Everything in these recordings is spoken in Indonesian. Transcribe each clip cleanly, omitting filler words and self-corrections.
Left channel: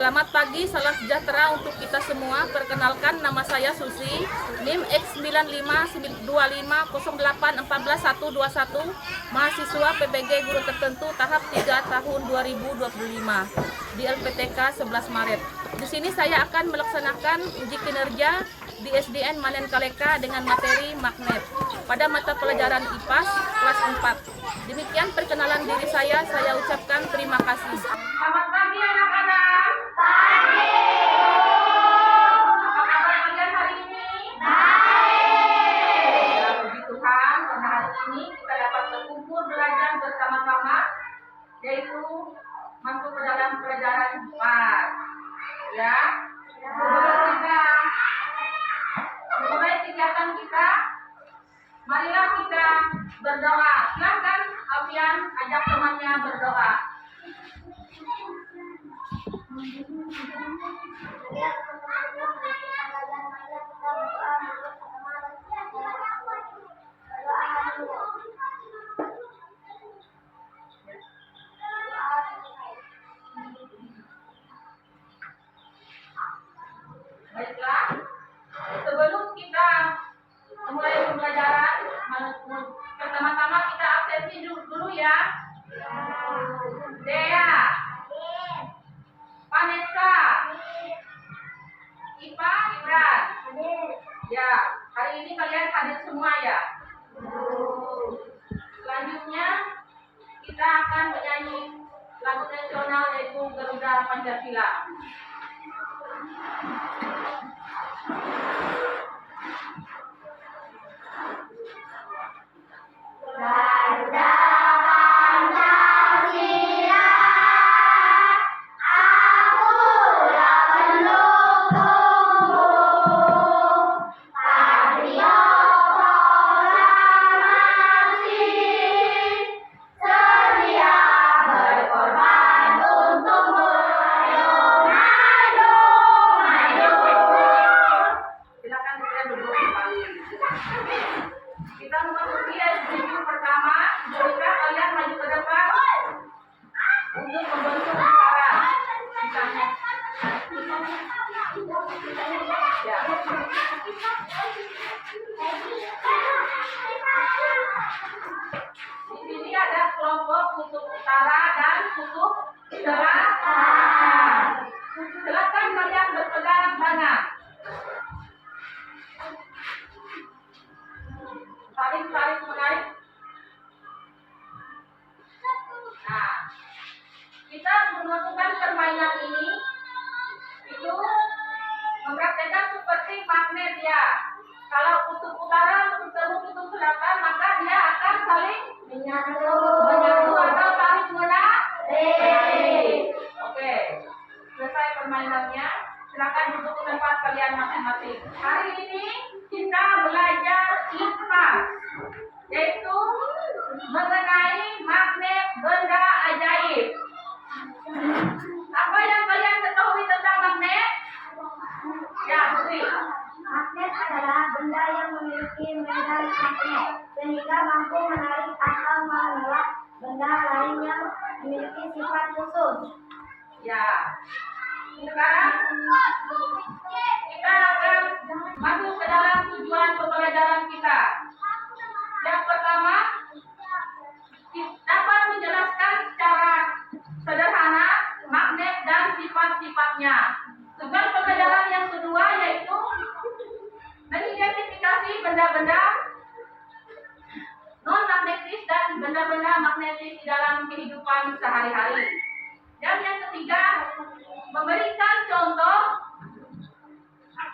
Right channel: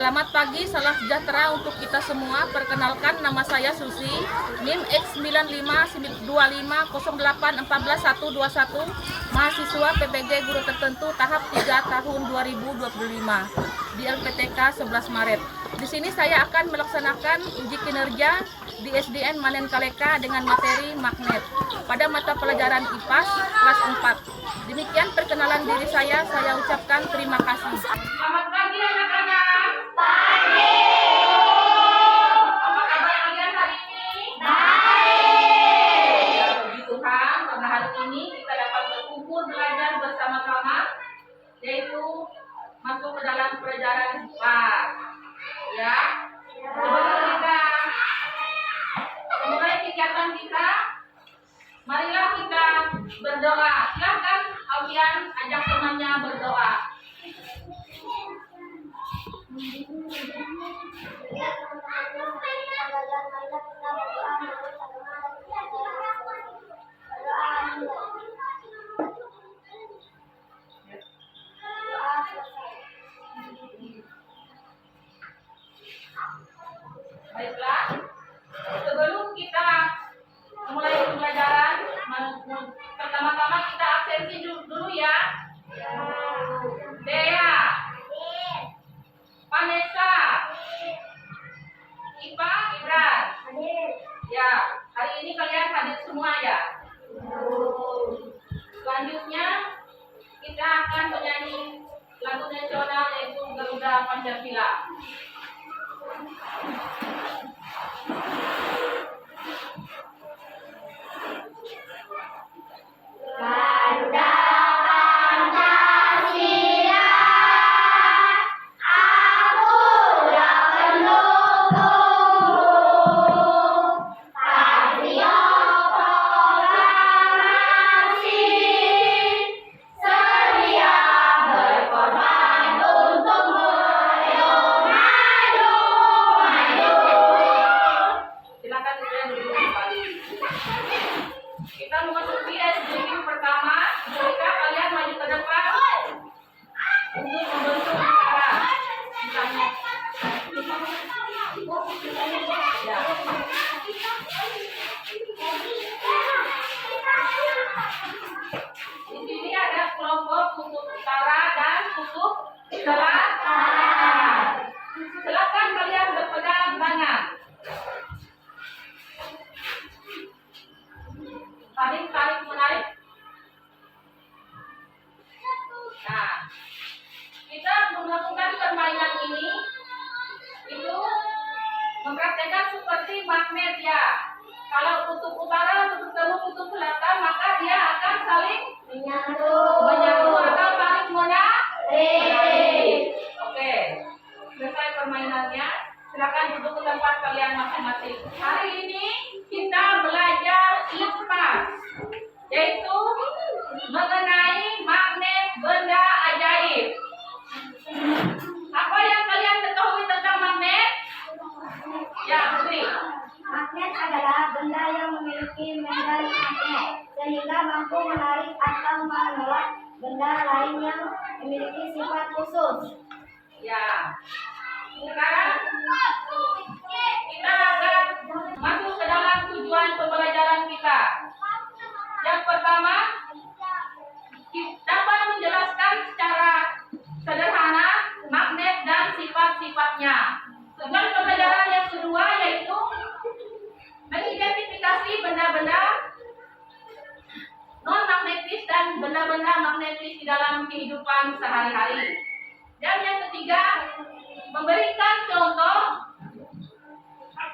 Selamat pagi, salam sejahtera untuk kita semua. Perkenalkan, nama saya Susi, NIM X952508141121, mahasiswa PBG Guru Tertentu tahap 3 tahun 2025 di LPTK 11 Maret. Di sini saya akan melaksanakan uji kinerja di SDN Manen Kaleka dengan materi magnet pada mata pelajaran IPAS kelas 4. Demikian perkenalan diri saya ucapkan terima kasih. Selamat pagi anak-anak. Apa kabar kalian hari ini? Baik. Ya, puji Tuhan, karena hari ini kita dapat berkumpul belajar bersama-sama, yaitu masuk ke dalam pelajaran IPAS. Ya. Sebelum kita memulai kegiatan kita, marilah kita berdoa. Silakan kalian ajak temannya berdoa. Baiklah, sebelum kita mulai pembelajaran, pertama-tama kita absensi dulu ya. Dea, Vanessa, Ipa, Ibran. Ya, hari ini kalian hadir semua ya. Selanjutnya kita akan menyanyi lagu nasional yaitu Garuda Pancasila. Garuda Pancasila, aku yang pendukung patriot proklamasi, sedia berkorban untukmu. Maju, maju. Silakan kalian duduk kembali. Kita memasuki SDQ pertama. Jika kalian maju ke depan untuk membentuk lingkaran. Misalnya. Ya. Di sini ada kelompok kutub utara dan kutub selatan. Silakan kalian berpegang tangan. Tarik menarik. Nah, kita melakukan permainan ini itu mempraktekkan seperti magnet ya. Kalau kutub utara bertemu kutub selatan, maka dia akan saling menyatu atau tarik menarik. Oke, selesai permainannya. Silakan duduk ke tempat kalian masing-masing. Hari ini kita belajar IPAS, yaitu mengenai magnet benda ajaib. Apa yang kalian ketahui tentang magnet? Ya, Putri. Magnet adalah benda yang memiliki medan magnet sehingga mampu menarik atau menolak benda lain yang memiliki sifat khusus. Ya. Sekarang kita akan masuk ke dalam tujuan pembelajaran kita. Yang pertama, dapat menjelaskan secara sederhana magnet dan sifat-sifatnya. Tujuan pembelajaran yang kedua yaitu mengidentifikasi benda-benda non-magnetis dan benda-benda magnetis di dalam kehidupan sehari-hari. Dan yang ketiga, memberikan contoh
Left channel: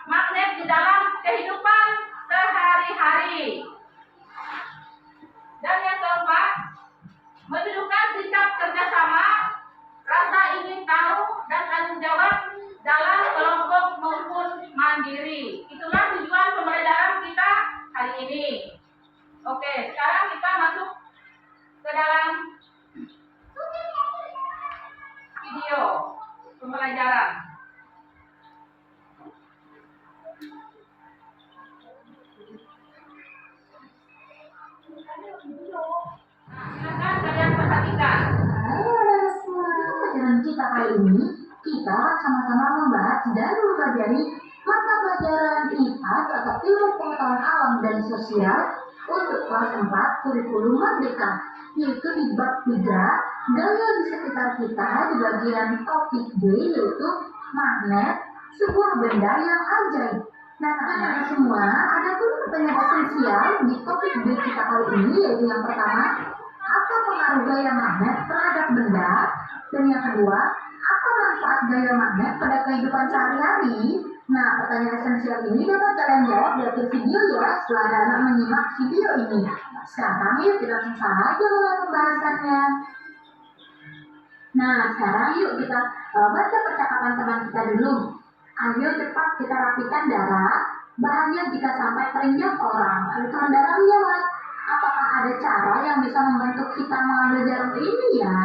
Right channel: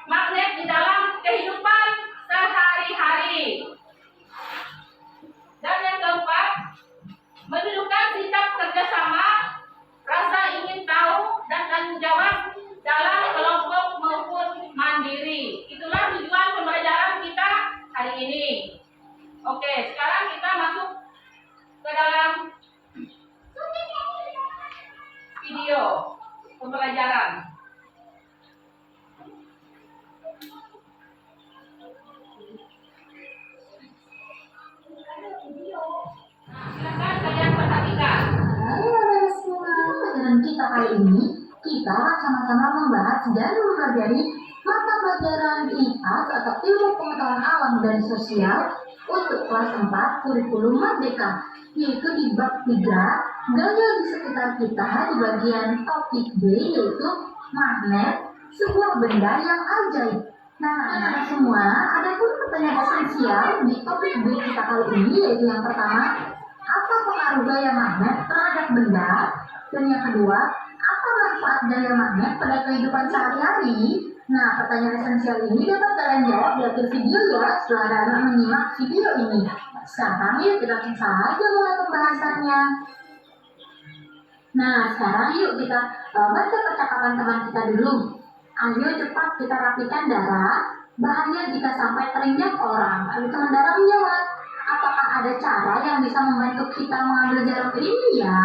magnet di dalam kehidupan sehari-hari. Dan yang keempat, menunjukkan sikap kerjasama, rasa ingin tahu, dan tanggung jawab dalam kelompok maupun mandiri. Itulah tujuan pembelajaran kita hari ini. Oke, sekarang kita masuk ke dalam video pembelajaran. Nah, silakan kalian perhatikan. Halo anak semua, pelajaran kita kali ini kita akan sama-sama membahas dan mempelajari mata pelajaran IPAS atau Ilmu Pengetahuan Alam dan Sosial untuk kelas 4 kurikulum Merdeka, yaitu di bab 3 gaya di sekitar kita di bagian topik B, yaitu magnet, sebuah benda yang ajaib. Nah, anak-anak semua, ada pun pertanyaan esensial di topik B kita kali ini, yaitu yang pertama, apa pengaruh gaya magnet terhadap benda? Dan yang kedua, apa manfaat gaya magnet pada kehidupan sehari-hari? Nah, pertanyaan esensial ini dapat kalian jawab di akhir video ya, setelah anak-anak menyimak video ini. Sekarang yuk kita langsung saja mulai pembahasannya. Nah, sekarang yuk kita baca percakapan teman kita dulu. Ayo cepat kita rapikan darah. Bahaya jika sampai terinjak orang. Ayo teman darah menjawab. Apakah ada cara yang bisa membantu kita mengambil jarum ini ya?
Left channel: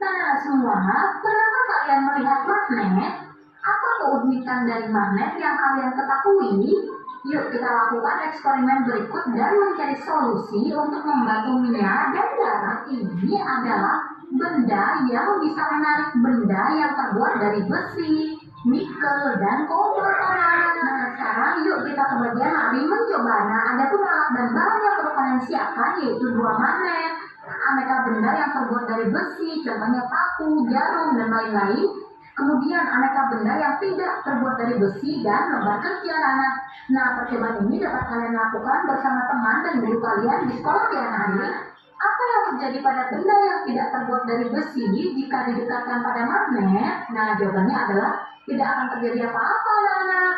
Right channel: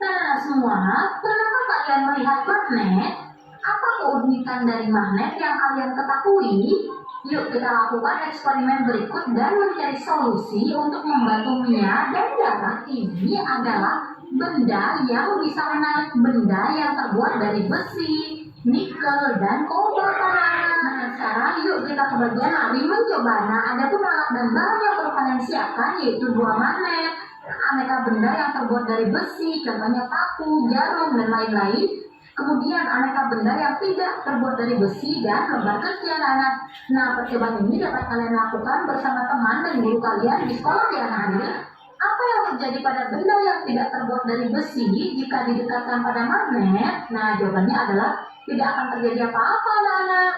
Nah, semua, pernahkah kalian melihat magnet? Apa keunikan dari magnet yang kalian ketahui? Yuk kita lakukan eksperimen berikut dan mencari solusi untuk membantu Mia dan darah. Ini adalah benda yang bisa menarik benda yang terbuat dari besi, nikel, dan kobalt. Nah, sekarang yuk kita ke bagian lari mencoba. Nah, ada pun alat dan bahan yang perlu kalian siapkan, yaitu 2 magnet, aneka benda yang terbuat dari besi, contohnya paku, jarum, dan lain-lain. Kemudian aneka benda yang tidak terbuat dari besi dan lembar kerja anak. Nah, percobaan ini dapat kalian lakukan bersama teman dan guru kalian di sekolah ya anak. Apa yang terjadi pada benda yang tidak terbuat dari besi jika didekatkan pada magnet? Nah, jawabannya adalah tidak akan terjadi apa-apa anak-anak.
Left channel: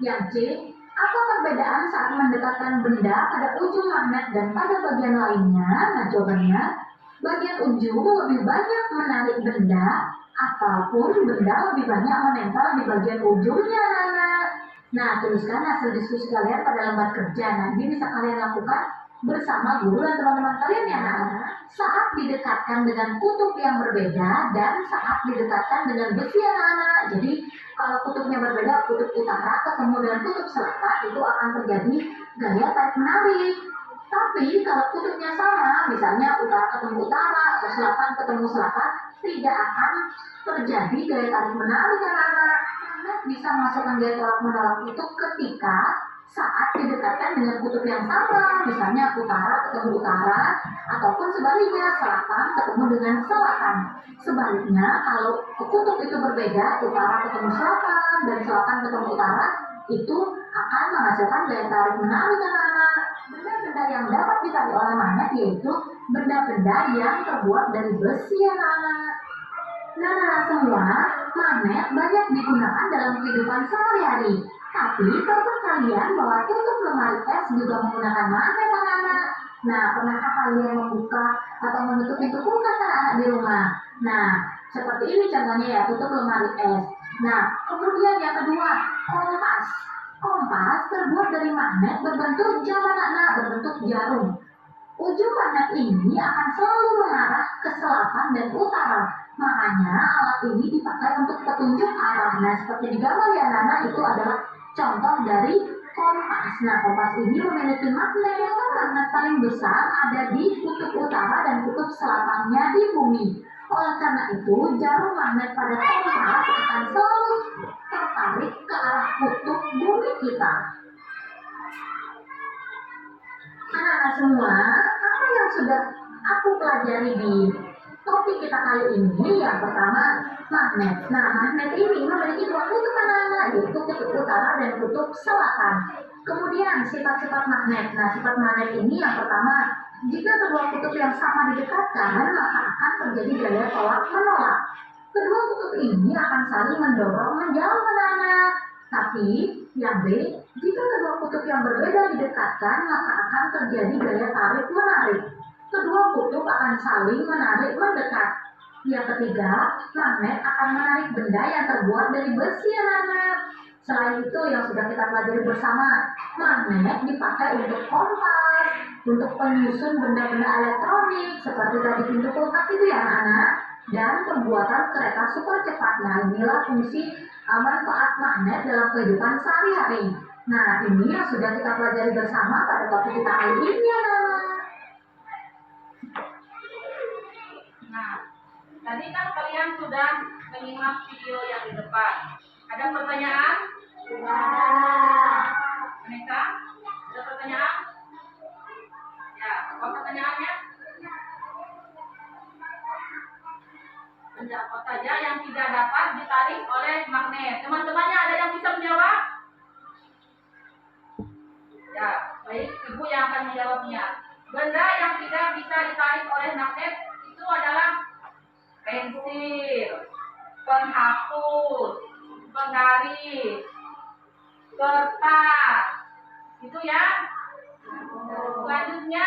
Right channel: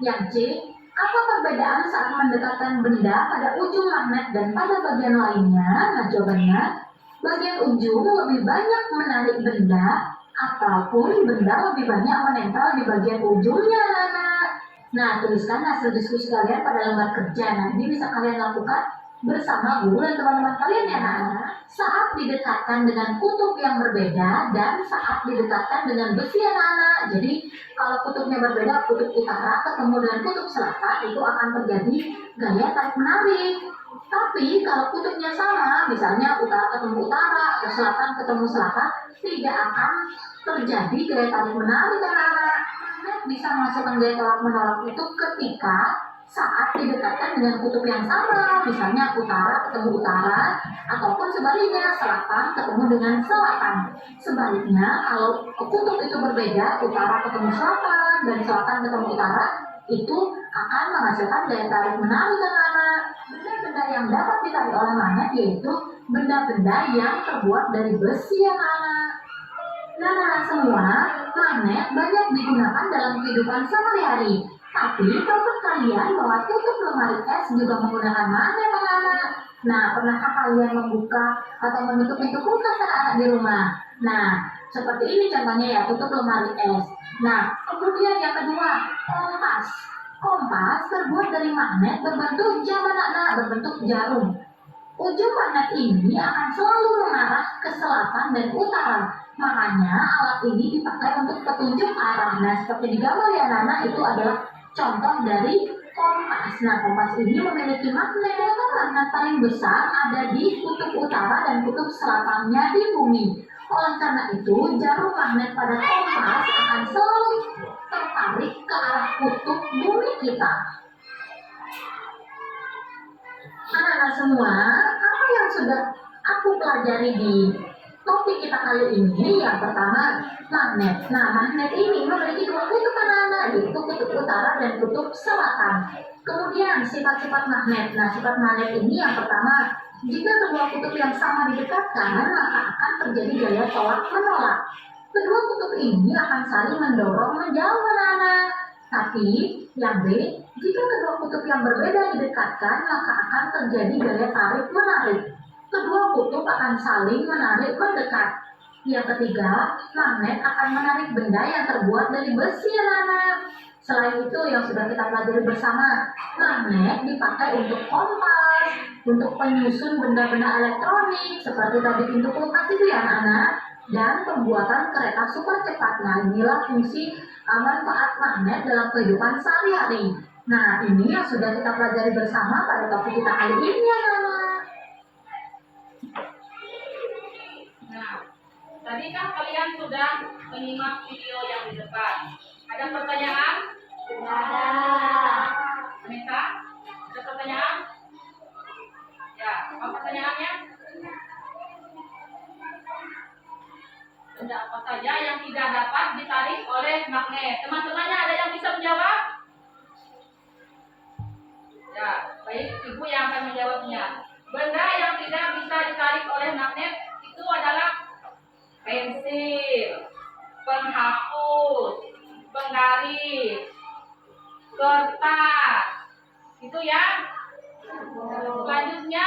Yang C, apa perbedaan saat mendekatkan benda pada ujung magnet dan pada bagian lainnya? Nah, jawabannya, bagian ujung lebih banyak menarik benda ataupun benda lebih banyak menempel di bagian ujungnya anak-anak. Nah, tuliskan hasil diskusi kalian pada lembar kerja. Nanti bisa kalian lakukan bersama guru dan teman-teman kalian ya anak-anak. Saat didekatkan dengan kutub yang berbeda dan saat didekatkan dengan besi anak-anak. Jadi kalau kutubnya berbeda, kutub utara ketemu dengan kutub selatan, itu akan terjadi gaya tarik menarik. Tapi kalau kutubnya sama, misalnya utara ketemu utara atau selatan ketemu selatan, tidak akan terjadi gaya tarik menarik anak-anak. Magnet bisa menghasilkan gaya tolak menolak itu ketika saat didekatkan dengan kutub yang sama, misalnya utara ketemu utara, ataupun sebaliknya selatan ketemu dengan selatan. Sebaliknya, kalau kutub itu berbeda, utara ketemu selatan dan selatan ketemu utara, itu akan menghasilkan daya tarik menarik anak-anak. Benda-benda yang dapat ditarik oleh magnet yaitu benda-benda yang terbuat dari besi anak-anak. Nah, semua, magnet banyak digunakan dalam kehidupan sehari-hari. Tapi, tahukah kalian bahwa tutup lemari es juga menggunakan magnet anak-anak? Nah, pernahkah kalian membuka atau menutup pintu kulkas anak-anak di rumah? Nah, seperti ini contohnya ya, tutup lemari es. Nah, kemudian yang kedua, kompas. Kompas terbuat dari magnet berbentuk jam anak-anak, berbentuk jarum. Ujung magnet ini akan selalu mengarah ke selatan dan utara. Makanya alat ini dipakai untuk petunjuk arah. Nah, seperti di gambar ya anak-anak, itu adalah contoh dari kompas. Nah, kompas ini memiliki magnet. Magnet paling besar ada di kutub utara dan kutub selatannya di bumi. Oleh karena itu, jarum magnet pada kompas akan selalu tertarik ke arah kutub bumi kita. Anak-anak semua, apa yang sudah aku pelajari di topik kita kali ini? Yang pertama, magnet. Nah, magnet ini memiliki 2 kutub anak-anak, yaitu kutub utara dan kutub selatan. Kemudian, sifat-sifat magnet. Nah, sifat magnet ini yang pertama, jika kedua kutub yang sama didekatkan, maka akan terjadi gaya tolak menolak. Kedua kutub ini akan saling mendorong menjauh anak-anak. Tapi, yang B, jika kedua kutub yang berbeda didekatkan, maka akan terjadi gaya tarik menarik. Kedua kutub akan saling menarik mendekat. Yang ketiga, magnet akan menarik benda yang terbuat dari besi anak-anak. Selain itu yang sudah kita pelajari bersama, magnet dipakai untuk kompas, untuk penyusun benda-benda elektronik seperti tadi pintu kulkas itu ya anak-anak, dan pembuatan kereta super cepat. Nah, inilah fungsi manfaat magnet dalam kehidupan sehari-hari. Nah, ini yang sudah kita pelajari bersama pada topik kita kali ini anak-anak. Nah, kita Tadi kan kalian sudah menyimak video yang di depan. Ada pertanyaan? Tidak. Anissa, ada pertanyaan? Ya, apa pertanyaannya? Benda apa saja yang tidak dapat ditarik oleh magnet? Teman-temannya ada yang bisa menjawab? Ya, baik, Ibu yang akan menjawabnya. Benda yang tidak bisa ditarik oleh magnet itu adalah pensil, penghapus, penggaris, kertas. Itu ya. Selanjutnya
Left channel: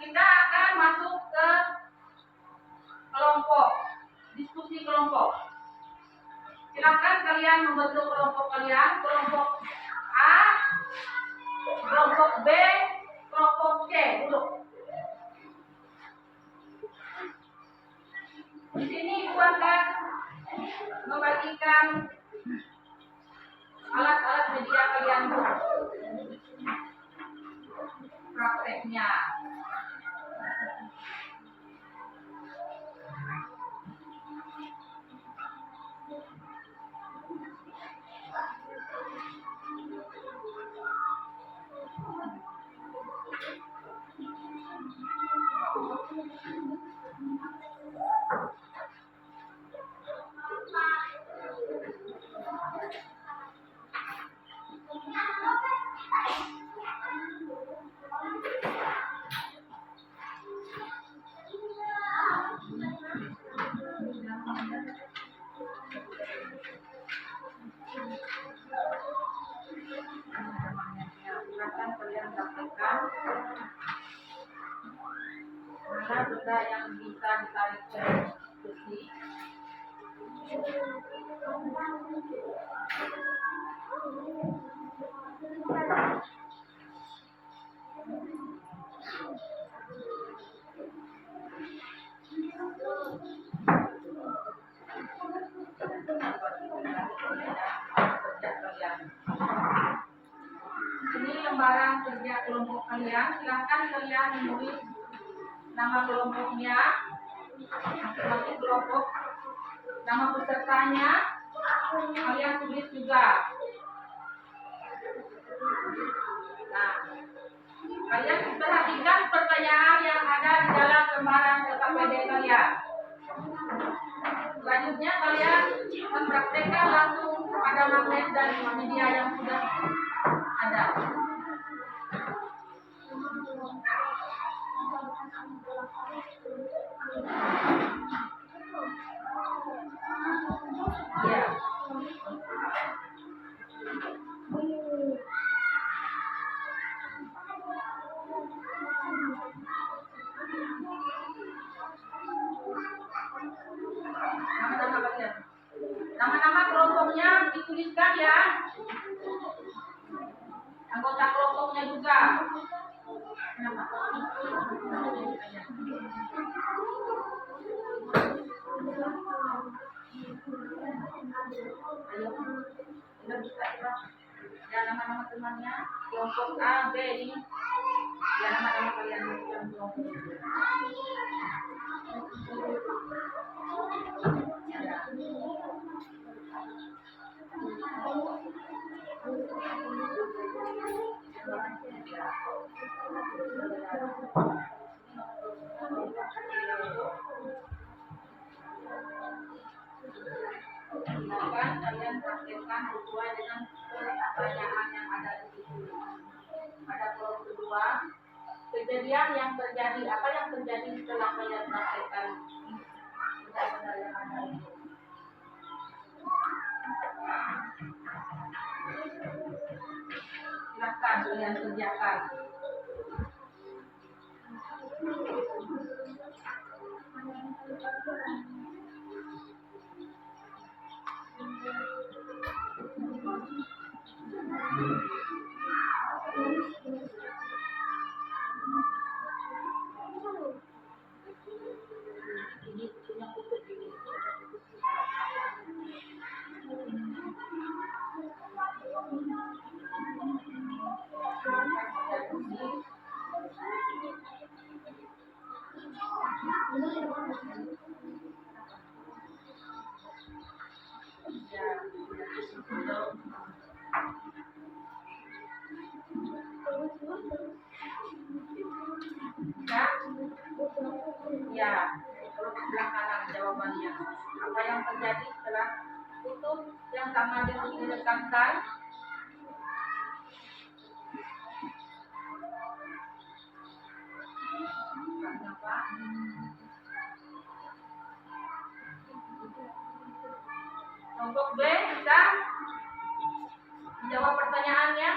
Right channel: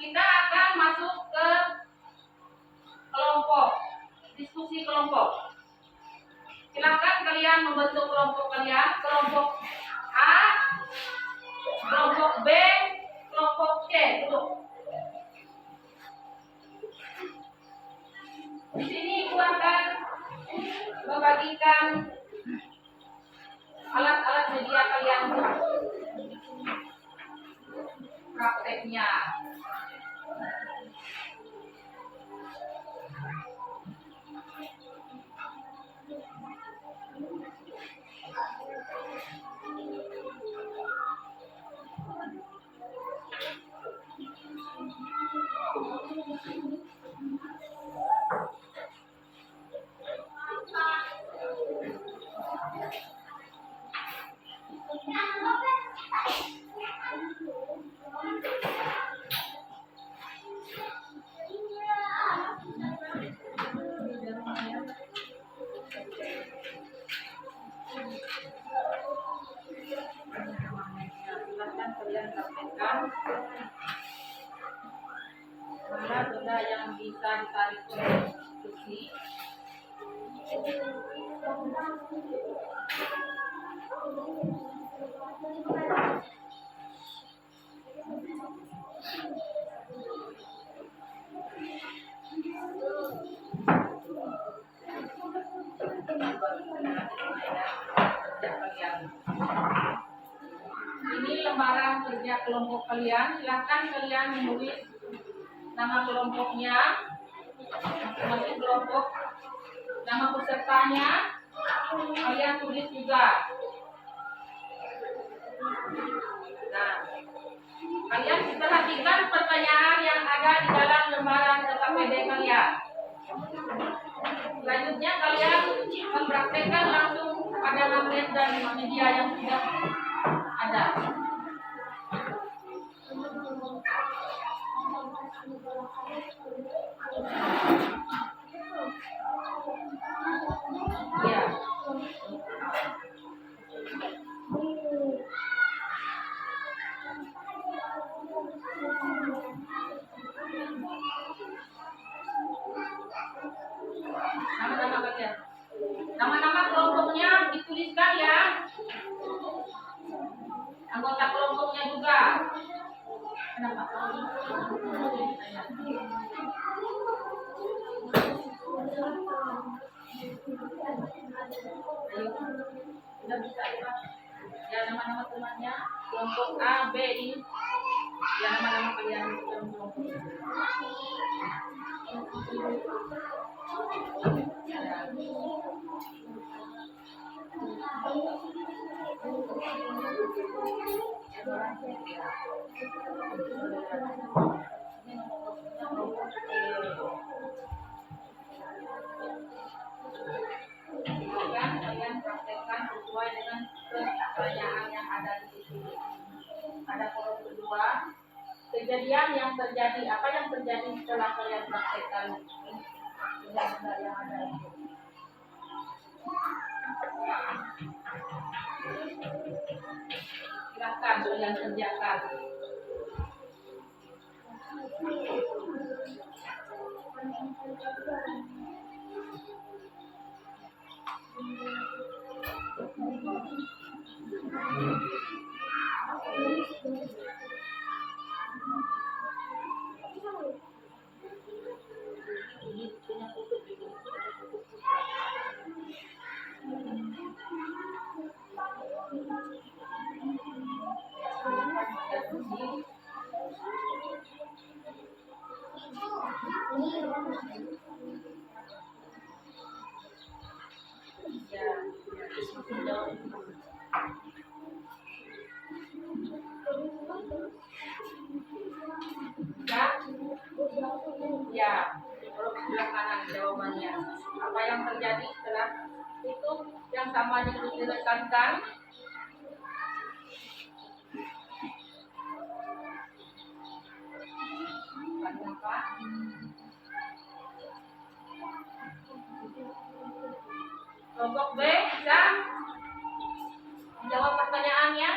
kita akan masuk ke kelompok, diskusi kelompok. Silakan kalian membentuk kelompok kalian, kelompok A, kelompok B, kelompok C. Duduk. Di sini Ibu akan membagikan alat-alat media kalian prakteknya. Silakan kalian praktekkan mana benda yang bisa ditarik oleh besi. Ini lembaran kerja kelompok kalian. Silahkan kalian menulis nama kelompoknya, masing-masing kelompok, nama pesertanya, kalian tulis juga. Nah, kalian perhatikan pertanyaan yang ada di dalam lembaran KKPD kalian. Selanjutnya kalian mempraktekkan langsung pada magnet dan media yang sudah ada. Ya. Nama-nama kalian. Nama-nama kelompoknya dituliskan ya. Anggota kelompoknya juga. Kenapa? Ayo, udah bisa ya. Ya, nama-nama temannya, kelompok A, B ini. Ya, nama-nama kalian dalam kelompok. Ya. Silakan kalian praktekkan sesuai dengan pertanyaan yang ada di situ. Pada kolom kedua, kejadian yang terjadi, apa yang terjadi setelah kalian praktekkan benda-benda yang ada itu. Silakan kalian kerjakan. yang sama direkatkan. Kenapa? Kelompok B bisa menjawab pertanyaannya.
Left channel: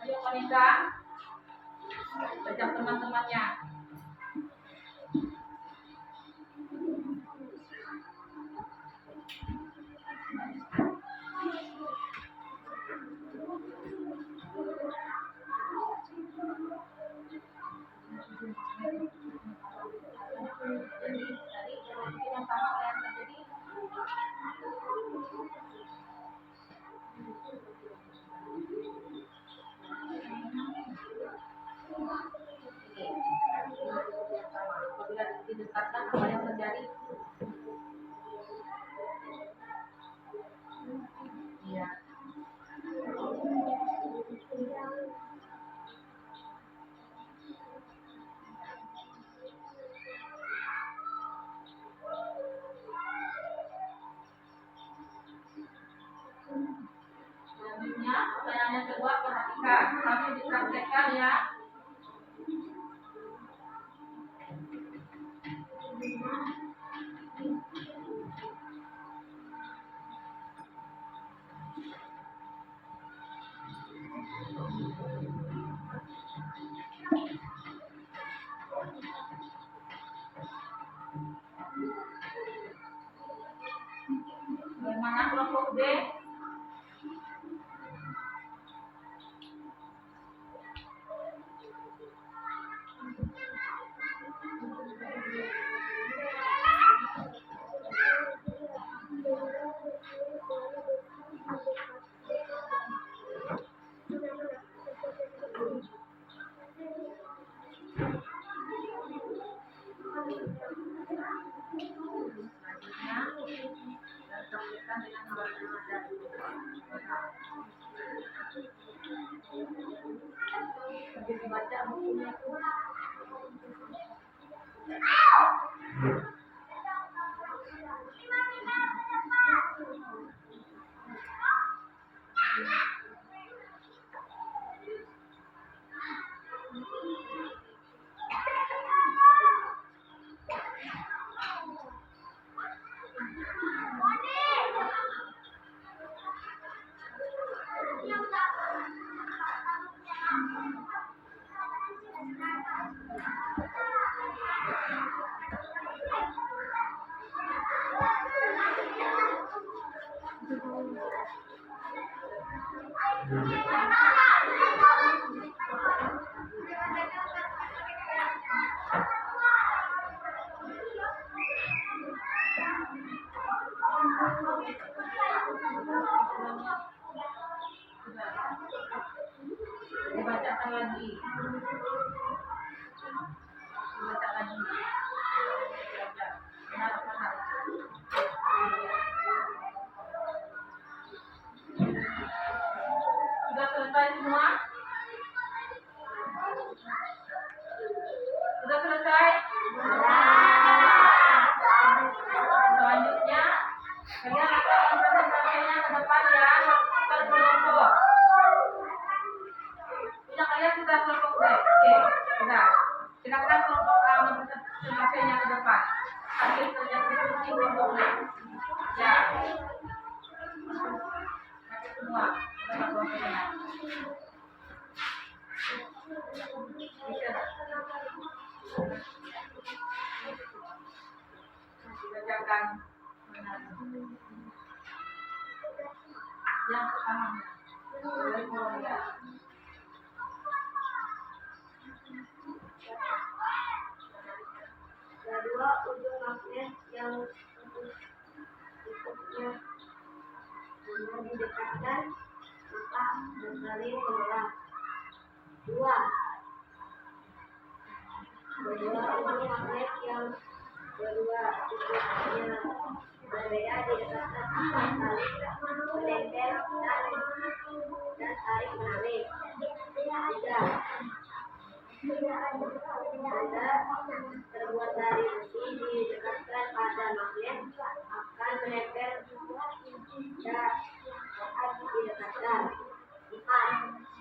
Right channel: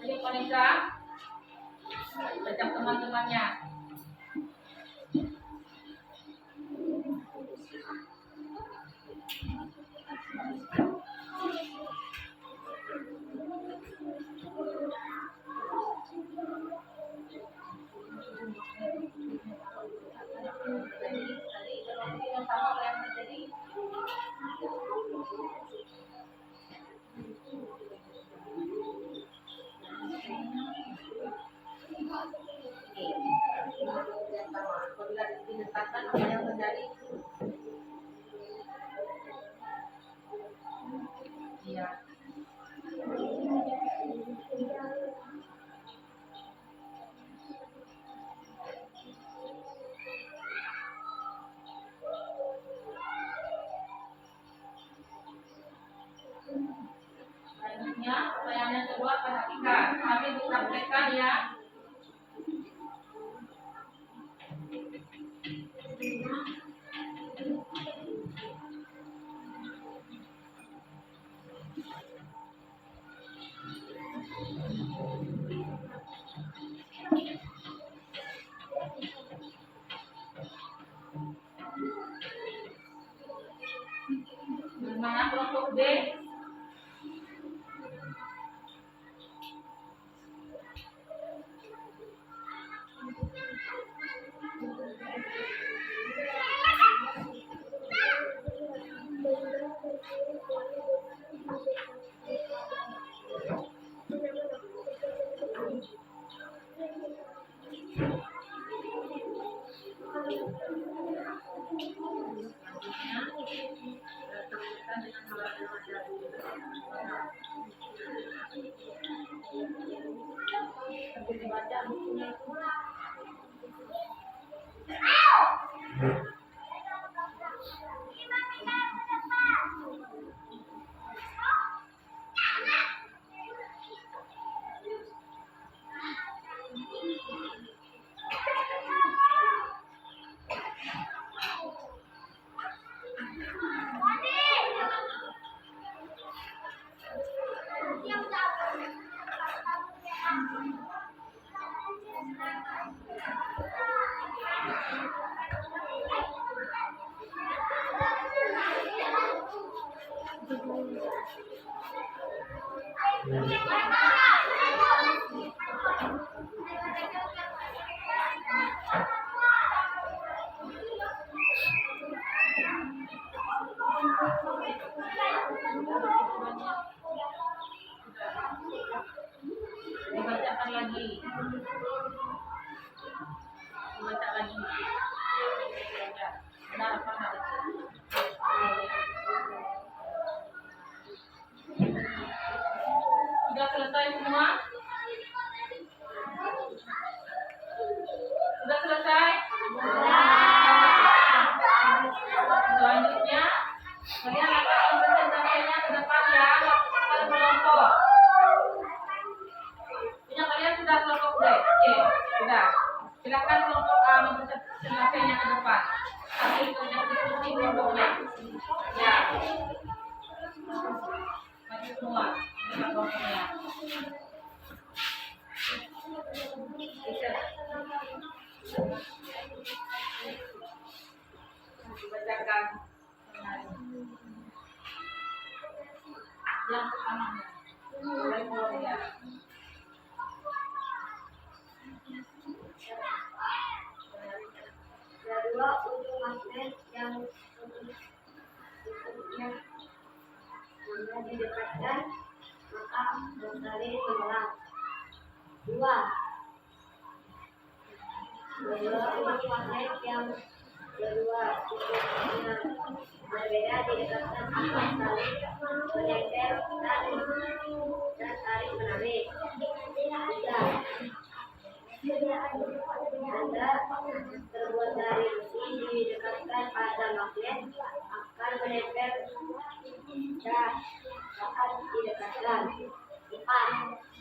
Ayo Vanessa, ajak teman-temannya. Yang sama apa yang terjadi? Apabila didekatkan apa yang terjadi? Iya. Selanjutnya, pertanyaan yang kedua, perhatikan. Kami disampaikan ya. Bagaimana kelompok B? Sambil dibaca bukunya itu. Dibacakan lagi. Dibaca lagi. Benar apa harus? Sudah selesai semua? Sudah selesai? Selanjutnya, kalian akan mempresentasikannya ke depan ya, ke kelompok. Punya kalian sudah kelompok B? Oke, sudah. Silakan kelompok A mempresentasikannya ke depan. Hasil kerja diskusi kelompoknya. Ya. Maju semua, ke kelompoknya. Dibacakan yang pertama mulai ya. Kedua, ujung magnet yang tutupnya mana didekatkan maka saling menolak. Dua, ujung magnet yang kedua tutupnya berbeda didekatkan akan saling menempel dan saling menarik. Tiga, benda terbuat dari besi magnet akan menempel saat didekatkan. 4.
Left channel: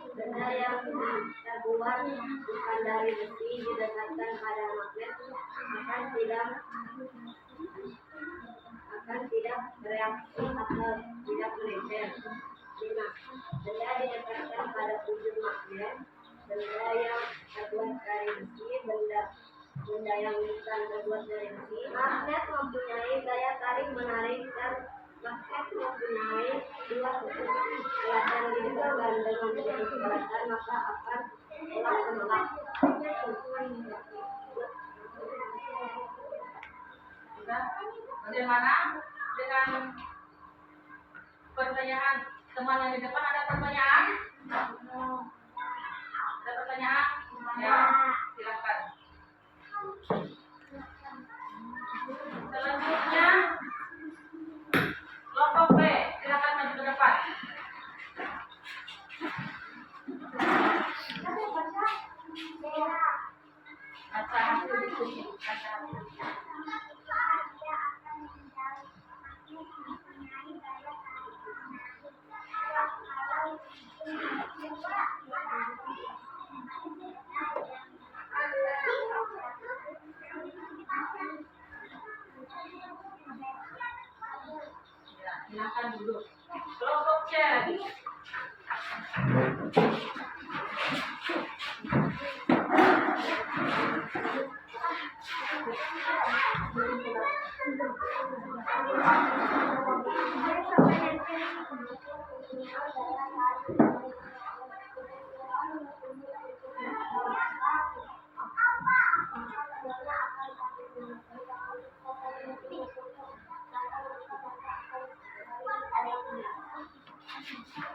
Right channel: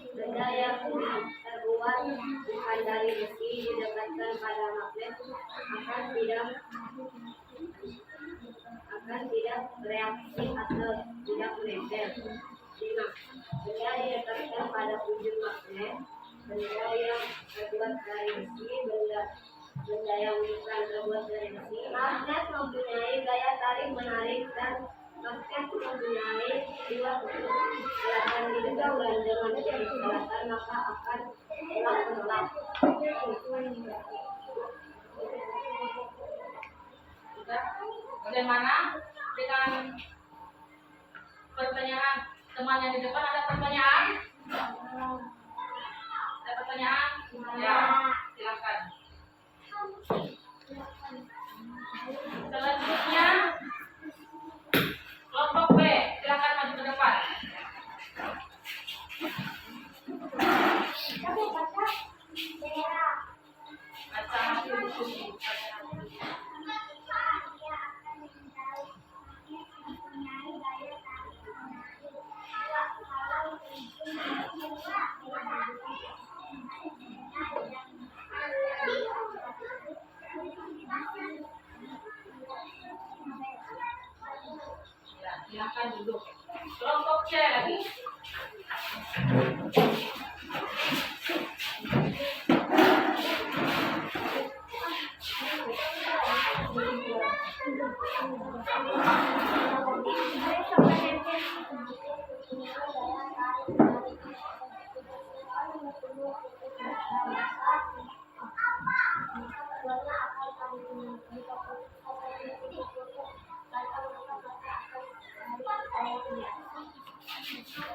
Benda yang terbuat bukan dari besi didekatkan pada magnet akan tidak bereaksi atau tidak menempel. 5. Benda didekatkan pada ujung magnet. Benda yang terbuat dari besi, benda yang bukan terbuat dari besi. Magnet mempunyai gaya tarik menarik dan magnet mempunyai dua kutub selatan di dekat dan dengan kutub selatan maka akan tolak menolak. Sudah? Bagaimana dengan pertanyaan teman yang di depan? Ada pertanyaan? Ada pertanyaan? Ya, silakan. Selanjutnya kelompok B, silakan maju ke depan. Baca hasil diskusi. Ya, silakan duduk. Kelompok C lagi.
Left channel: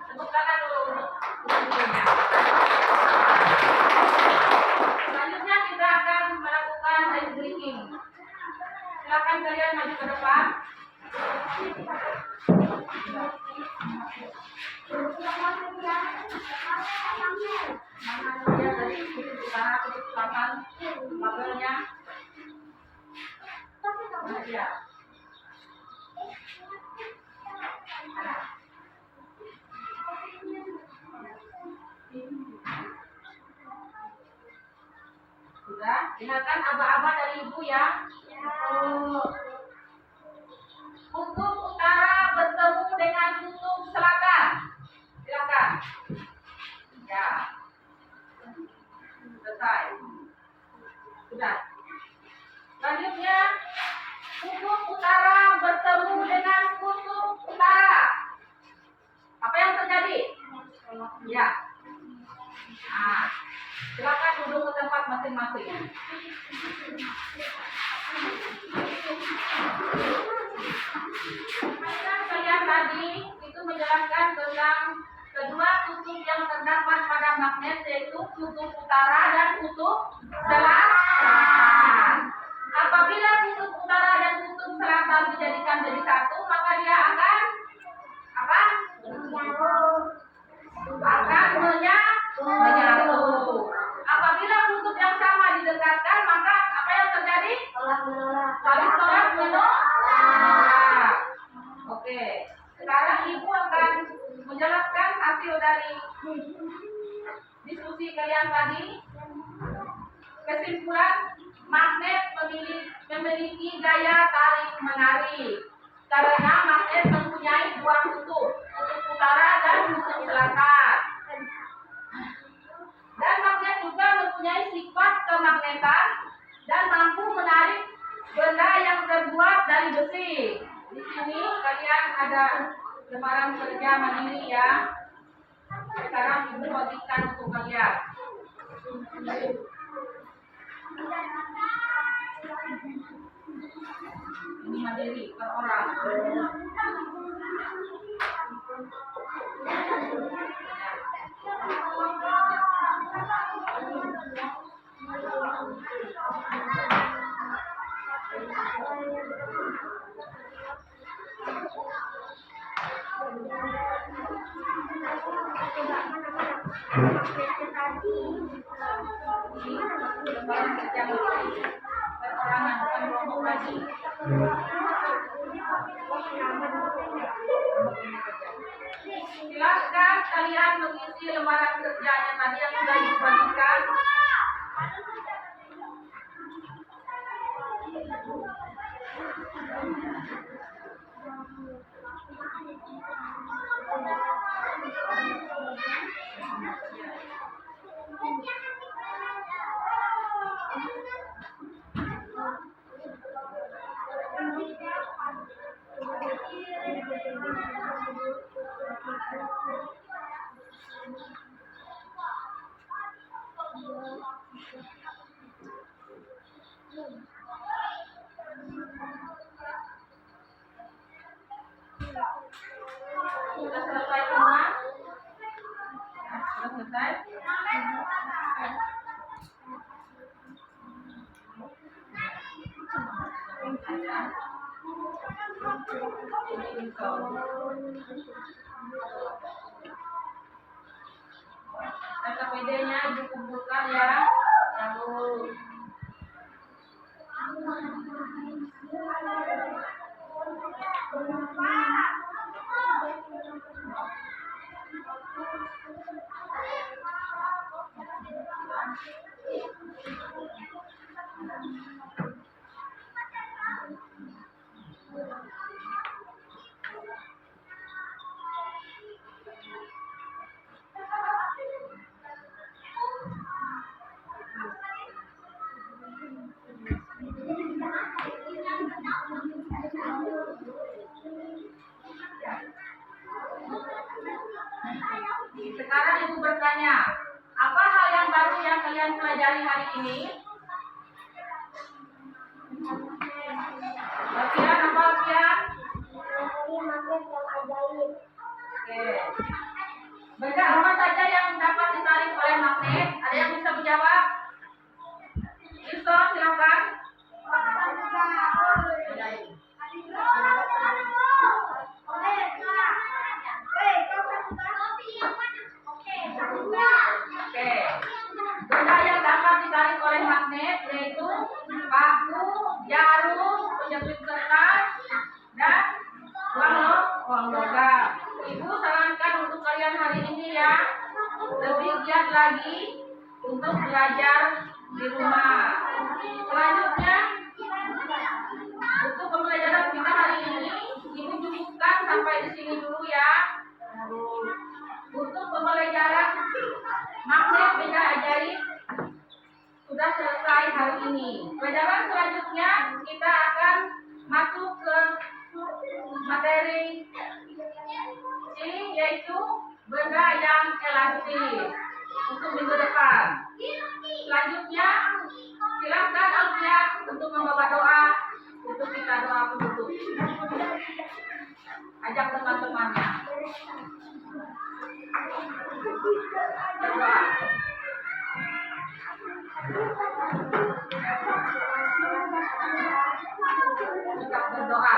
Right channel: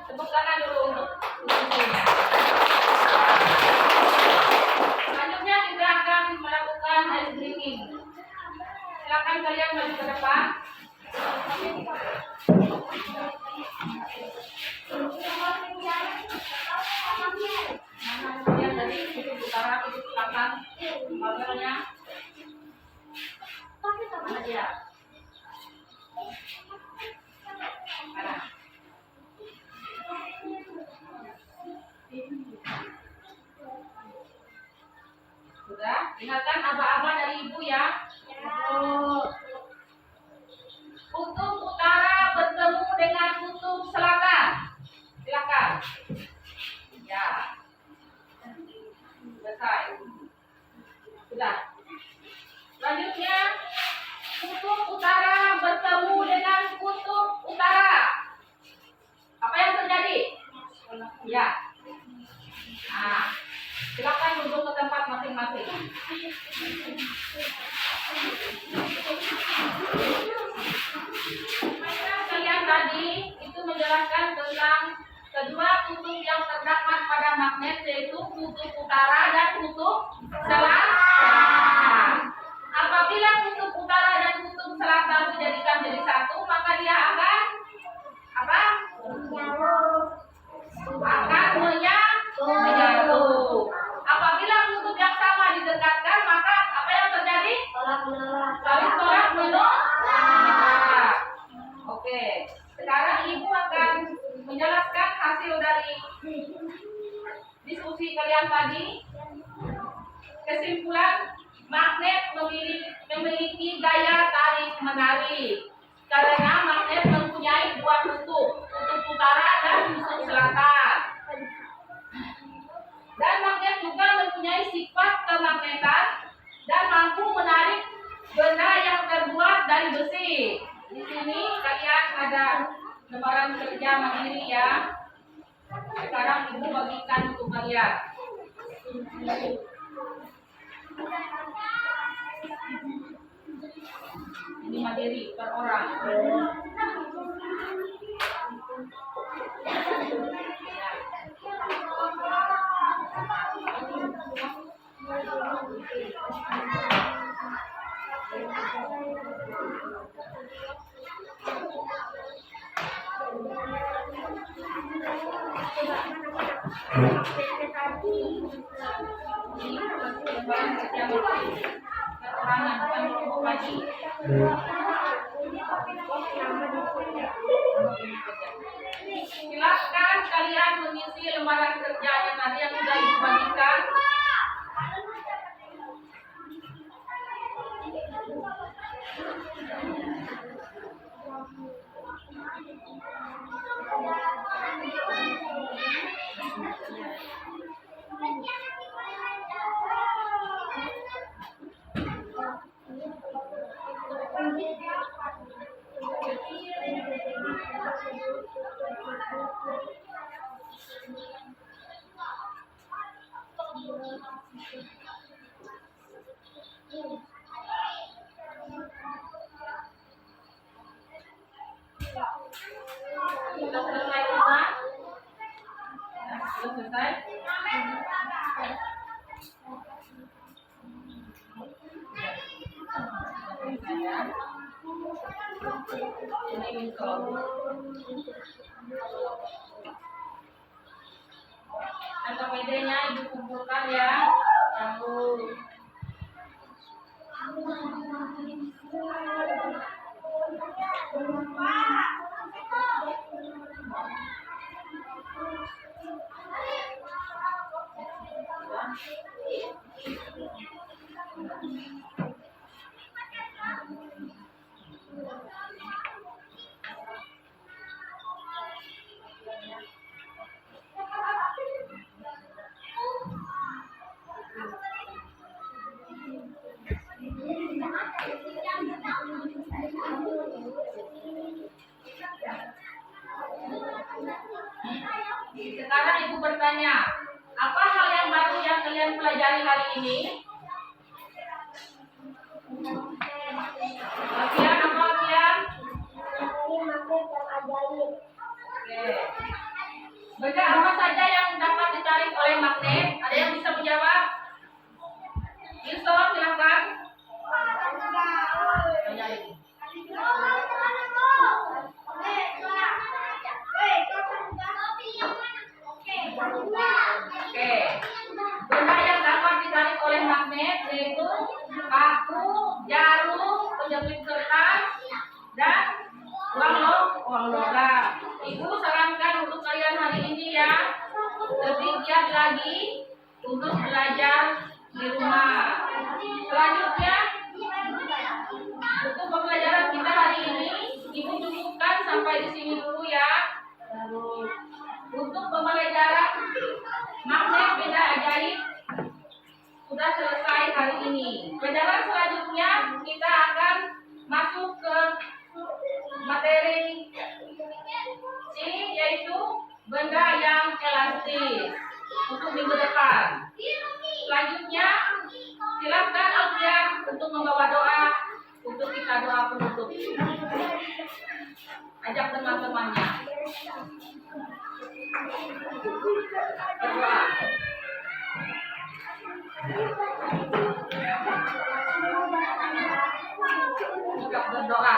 Tepuk tangan dulu untuk diskusinya. Selanjutnya kita akan melakukan ice drinking. Silakan kalian maju ke depan. Mana dia dari kutub utara, kutub selatan, kabelnya. Mana dia? Ada. Sudah? Ingatkan aba-aba dari ibu ya. Kutub utara bertemu dengan kutub selatan. Silakan. Ya. Selesai. Sudah. Selanjutnya, kutub utara bertemu dengan kutub utara. Apa yang terjadi? Ya. Nah, silakan duduk ke tempat masing-masing. Mainan kalian tadi itu menjelaskan tentang kedua kutub yang terdapat pada magnet, yaitu kutub utara dan kutub selatan. Apabila kutub utara dan kutub selatan dijadikan jadi satu, maka dia akan apa? Akan menyatu. Apabila kutub yang sama didekatkan, maka apa yang terjadi? Saling tolak menolak. Oke. Sekarang ibu akan menjelaskan hasil dari diskusi kalian tadi. Kesimpulan, magnet memiliki gaya tarik menarik karena magnet mempunyai dua kutub, kutub utara dan kutub selatan. Dan magnet juga mempunyai sifat kemagnetan dan mampu menarik benda yang terbuat dari besi. Di sini kalian ada lembaran kerja mandiri ya. Sekarang ibu bagikan untuk kalian. Ini mandiri per orang. Lembaran kerja mandiri per orang yang bukan kelompok lagi. Silakan kalian mengisi lembaran kerjanya tadi yang sudah ibu bagikan. Sudah selesai semua? Ya, sudah selesai? Ini info. KPD-nya ibu kumpulkan ya. Lalu sekarang ibu bertanya, apa hal yang baru yang kalian pelajari hari ini? Alfian, apa Alfian? Oke. Benda apa saja yang dapat ditarik oleh magnet? Ada yang bisa menjawab? Yusuf, silakan. Ajaib. Oke. Benda yang dapat ditarik oleh magnet yaitu paku, jarum, penjepit kertas, dan uang logam. Ibu sarankan untuk kalian hari ini ya, lebih giat lagi untuk belajar di rumah. Selanjutnya, untuk pembelajaran kita hari ini, ibu cukupkan sampai di sini dulu ya. Untuk pembelajaran magnet benda ajaib sudah selesai hari ini. Pelajaran selanjutnya kita akan masuk ke materi C, yaitu benda yang elastis untuk minggu depan. Selanjutnya silakan Alfian untuk membawa doa untuk kita doa penutup. Ajak teman-temannya berdoa. Juga berdoa.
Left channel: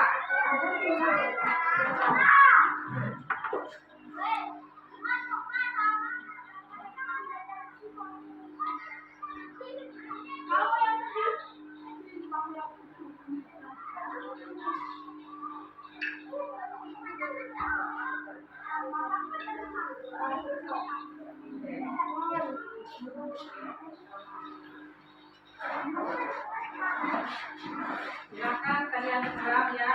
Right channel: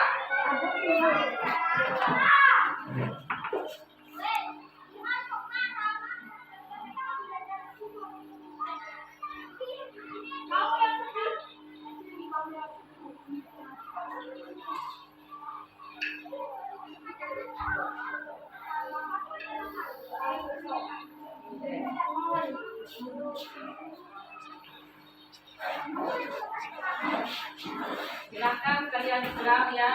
Silakan kalian serang ya.